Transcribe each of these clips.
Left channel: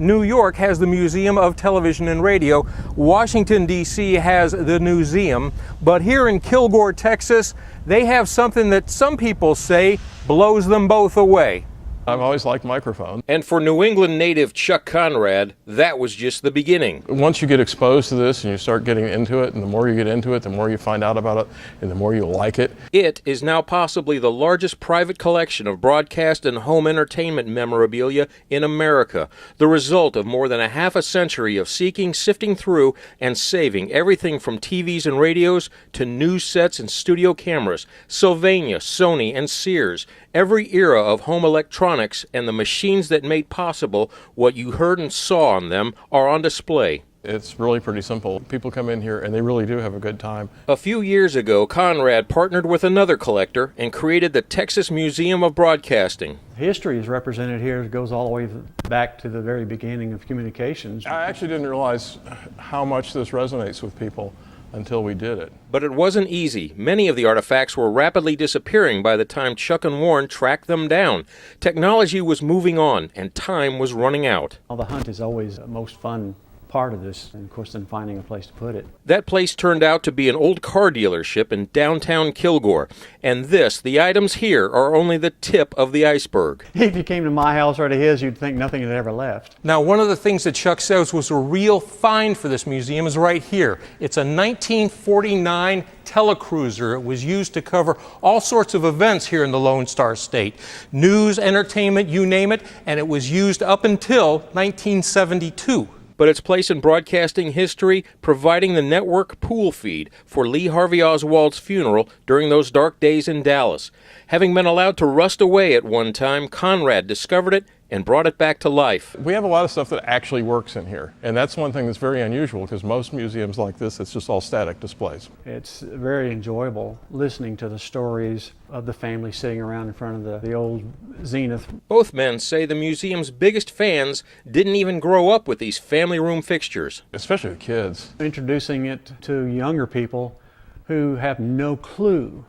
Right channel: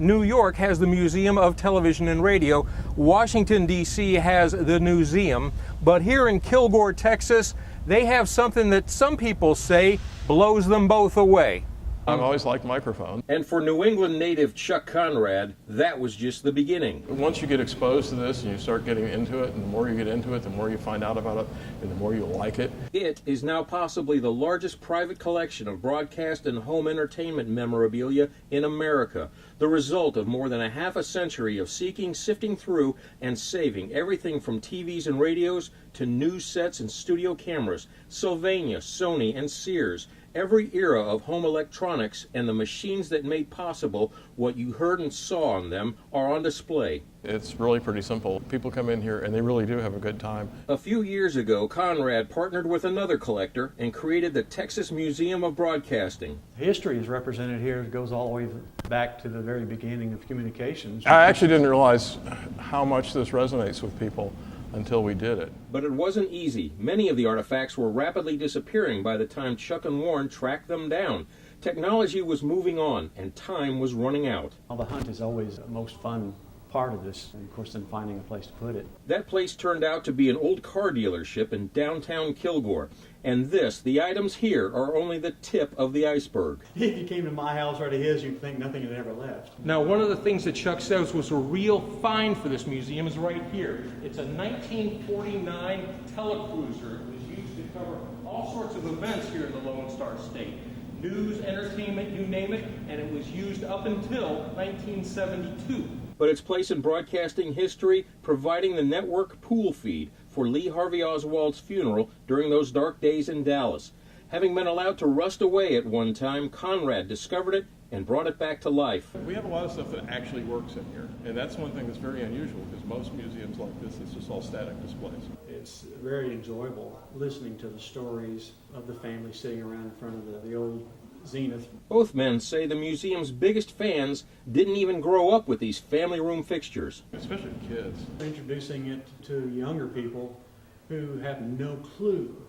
New York has the Museum of Television and Radio. Washington, D.C. has the Newseum. But here in Kilgore, Texas, they have something that some people say blows them both away. I've always liked microphones. And for New England native Chuck Conrad, that was just the beginning. Once you get exposed to this and you start getting into it, and the more you get into it, the more you find out about it, and the more you like it. It is now possibly the largest private collection of broadcast and home entertainment memorabilia in America, the result of more than a half a century of seeking, sifting through, and saving everything from TVs and radios to news sets and studio cameras, Sylvania, Sony, and Sears. Every era of home electronics and the machines that made possible what you heard and saw on them are on display. It's really pretty simple. People come in here and they really do have a good time. A few years ago, Conrad partnered with another collector and created the Texas Museum of Broadcasting. History is represented here. It goes all the way back to the very beginning of communications. I actually didn't realize how much this resonates with people until we did it. But it wasn't easy. Many of the artifacts were rapidly disappearing by the time Chuck and Warren tracked them down. Technology was moving on, and time was running out. Well, the hunt is always the most fun part of this, and of course then finding a place to put it. That place turned out to be an old car dealership in downtown Kilgore. And the items here are only the tip of the iceberg. If you came to my house or to his, you'd think nothing had ever left. Now, one of the things that Chuck says was a real find for this museum is right here. It's a 1949 telecruiser. It was used to cover all sorts of events here in the Lone Star State. News, entertainment, you name it, and it was used up until 1972. But its place in broadcasting history, providing the network pool feed for Lee Harvey Oswald's funeral during those dark days in Dallas. Having been allowed to rust away at one time, Conrad discovered it and brought it back to life. We have a lot of stuff that actually works in here, and that's one thing that's very unusual because most museums like this, it's just all static displays. It's very enjoyable listening to the stories of the family sitting around in front of the old Zenith. Both men say the museum's biggest fans didn't even grow up with these family room fixtures. Especially with kids. Introducing it to younger people who have no clue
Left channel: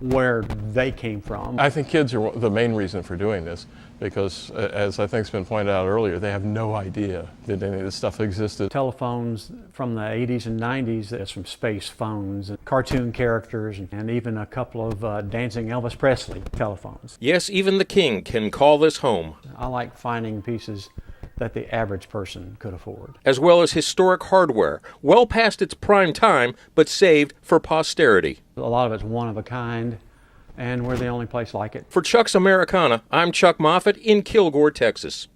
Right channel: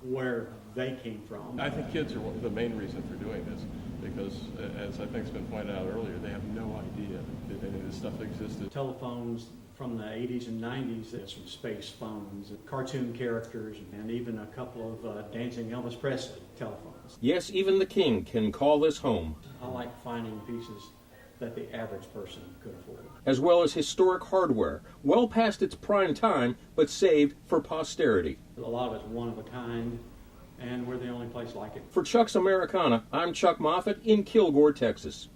where they came from. I think kids are the main reason for doing this because, as I think's been pointed out earlier, they have no idea that any of this stuff existed. Telephones from the 80s and 90s, there's some space phones, cartoon characters, and even a couple of dancing Elvis Presley telephones. Yes, even the king can call this home. I like finding pieces that the average person could afford. As well as historic hardware, well past its prime time, but saved for posterity. A lot of it's one of a kind, and we're the only place like it. For Chuck's Americana, I'm Chuck Moffett in Kilgore, Texas.